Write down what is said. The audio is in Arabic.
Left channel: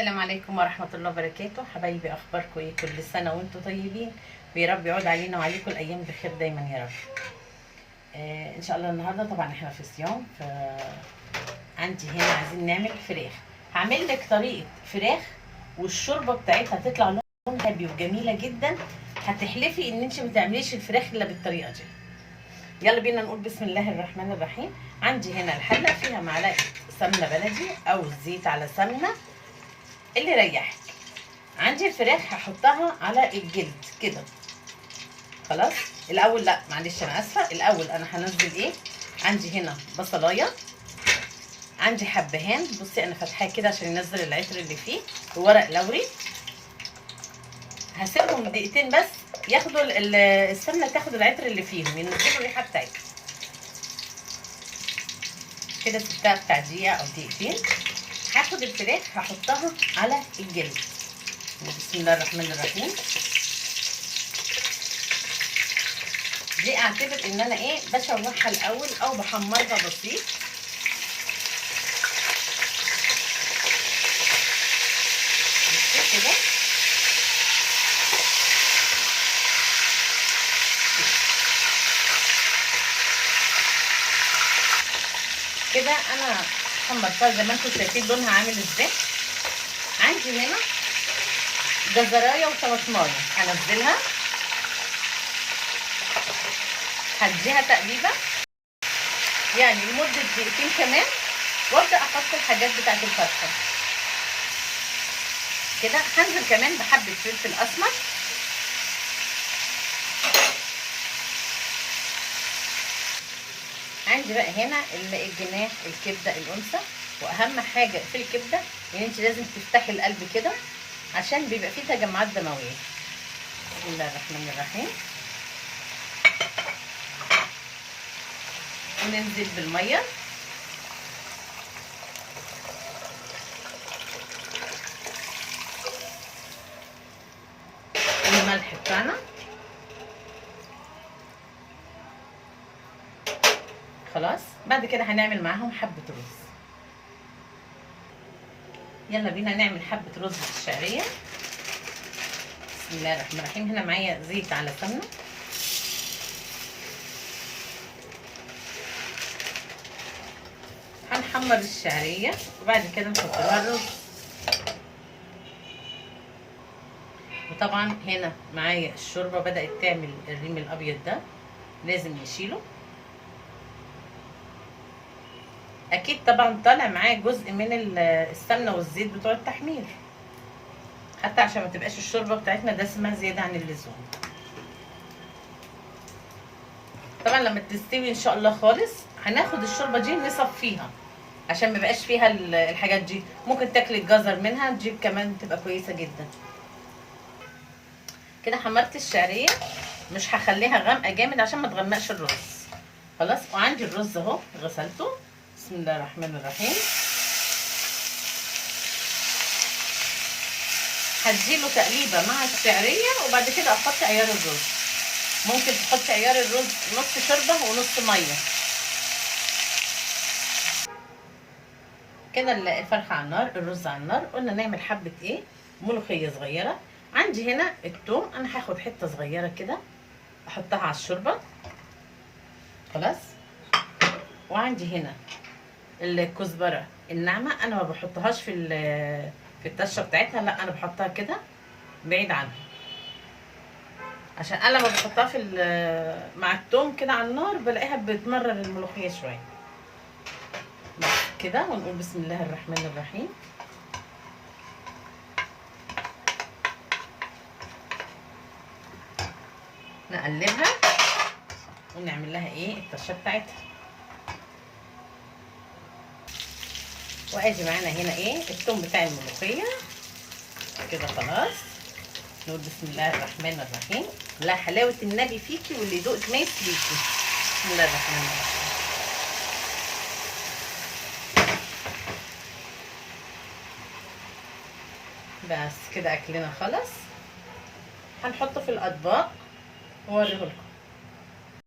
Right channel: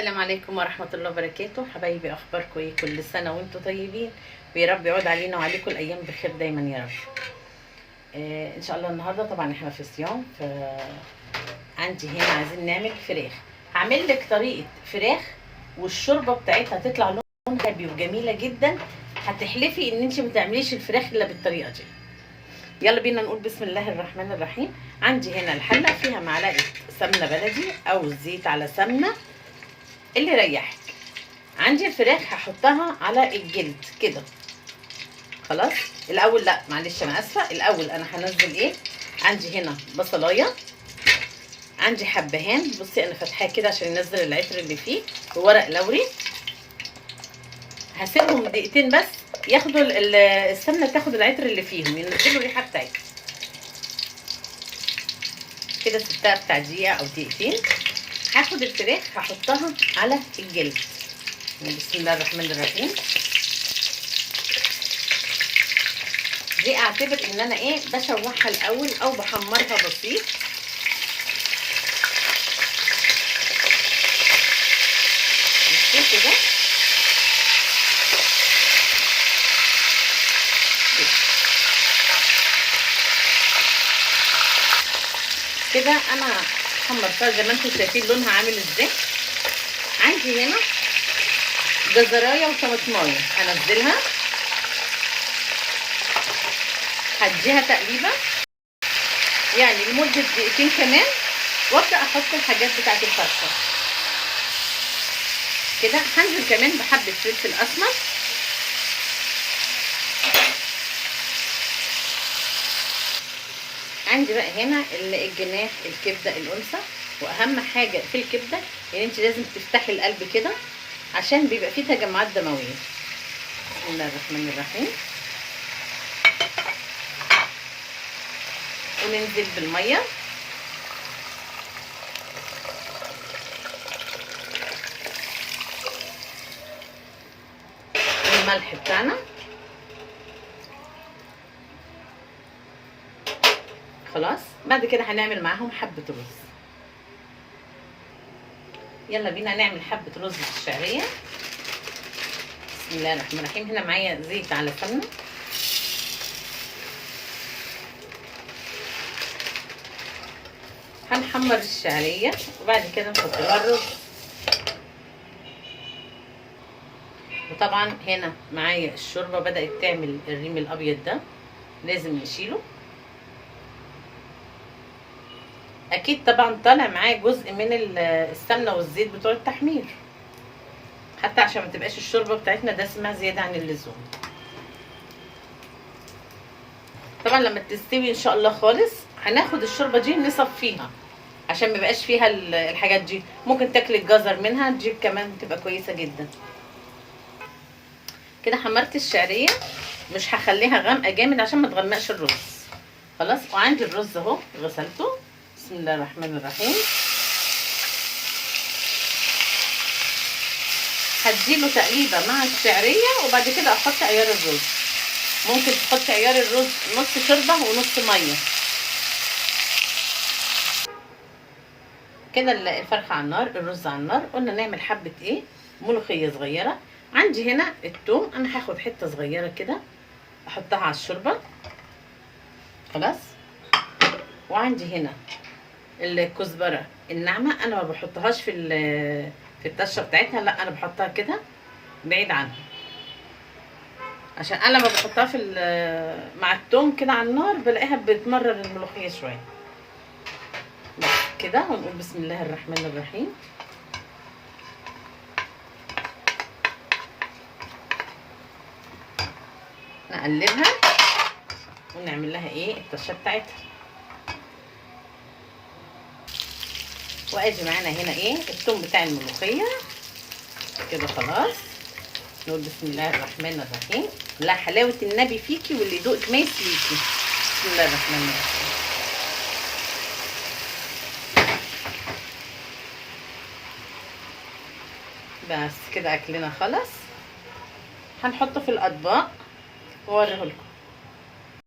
السلام عليكم ورحمة الله وبركاته. حبايبي اخباركم ايه؟ كل سنة وانتم طيبين ويا رب يعود علينا وعليكم الايام بخير دايما يا رب. ان شاء الله النهارده طبعا احنا في صيام، عندي هنا عايزين نعمل فراخ. هعمل لك طريقة فراخ والشوربة بتاعتها تطلع لونها ذهبي وجميلة جدا. هتحلفي ان انت ما تعمليش الفراخ الا بالطريقة دي. يلا بينا نقول بسم الله الرحمن الرحيم. عندي هنا الحلة فيها معلقة سمنة بلدي او زيت على سمنة اللي يريحك. عندي الفراخ هحطها على الجلد كده. خلاص الاول، لا معلش انا اسفه، الاول انا هنزل ايه. عندي هنا بصلايه، عندي حبهان، بصي انا فاتحاه كده عشان ينزل العطر اللي فيه، وورق لوري. هسيبهم دقيقتين بس ياخدوا السمنه تاخد العطر اللي فيهم، ينزلوا الريحه بتاعتها كده. سبتها بتاع دقيقه او دقيقتين. هاخد الفراخ هحطها على الجلد. بسم الله الرحمن الرحيم. دي اعتبر ان انا ايه بشوحها الاول او بحمرها بسيط. كده كده انا حمرتها زي ما انتم شايفين لونها عامل ازاي. عندي هنا جزرايه وطماطمايه هنزلها، هديها تقليبه يعني لمده دقيقتين كمان، وابدا احط الحاجات بتاعت الفرخه كده. هنزل كمان بحبه فلفل اسمر، عندي بقى هنا الجناح الكبده الانثى. واهم حاجه في الكبده ان انت لازم تفتحي القلب كده عشان بيبقى فيه تجمعات دمويه. بسم الله الرحمن الرحيم. وننزل بالميه والملح بتاعنا. خلاص بعد كده هنعمل معاهم حبه رز. يلا بينا نعمل حبه رز بالشعريه. بسم الله الرحمن الرحيم. هنا معايا زيت على سمنه. هنحمر الشعريه وبعد كده نحط لها الرز. وطبعا هنا معايا الشوربه بدات تعمل الريم الابيض ده، لازم نشيله. اكيد طبعا طالع معاه جزء من السمنه والزيت بتوع التحمير، حتى عشان ما تبقاش الشوربه بتاعتنا دسمه زياده عن اللزوم. طبعا لما تستوي ان شاء الله خالص هناخد الشوربه دي نصفيها عشان ما يبقاش فيها الحاجات دي. ممكن تاكلي الجزر منها دي كمان تبقى كويسه جدا. كده حمرت الشعريه، مش هخليها غامقه جامد عشان ما تغمقش الرز. خلاص. وعندي الرز اهو غسلته. بسم الله الرحمن الرحيم. هديله تقليبه مع الشعريه وبعد كده احط عيار الرز. ممكن تحطي عيار الرز نص شوربه ونص ميه كده. الفرخه على النار، الرز على النار. قلنا نعمل حبه ايه، ملوخيه صغيره. عندي هنا الثوم، انا هاخد حته صغيره كده احطها على الشوربه. خلاص. وعندي هنا الكزبره الناعمه، انا ما بحطهاش في الطشه بتاعتها، لا انا بحطها كده بعيد عنها، عشان انا لما بحطها مع الثوم كده على النار بلاقيها بتمرر الملوخيه شويه. بس كده. ونقول بسم الله الرحمن الرحيم. نقلبها ونعمل لها ايه الطشه بتاعتها. واجي معانا هنا ايه الثوم بتاع الملوخيه كده. خلاص. نقول بسم الله الرحمن الرحيم. لا حلاوه النبي فيكي واللي يدوق ما يسليكي. بسم الله الرحمن الرحيم. بس كده اكلنا خلاص. هنحطه في الاطباق واوريه لكم.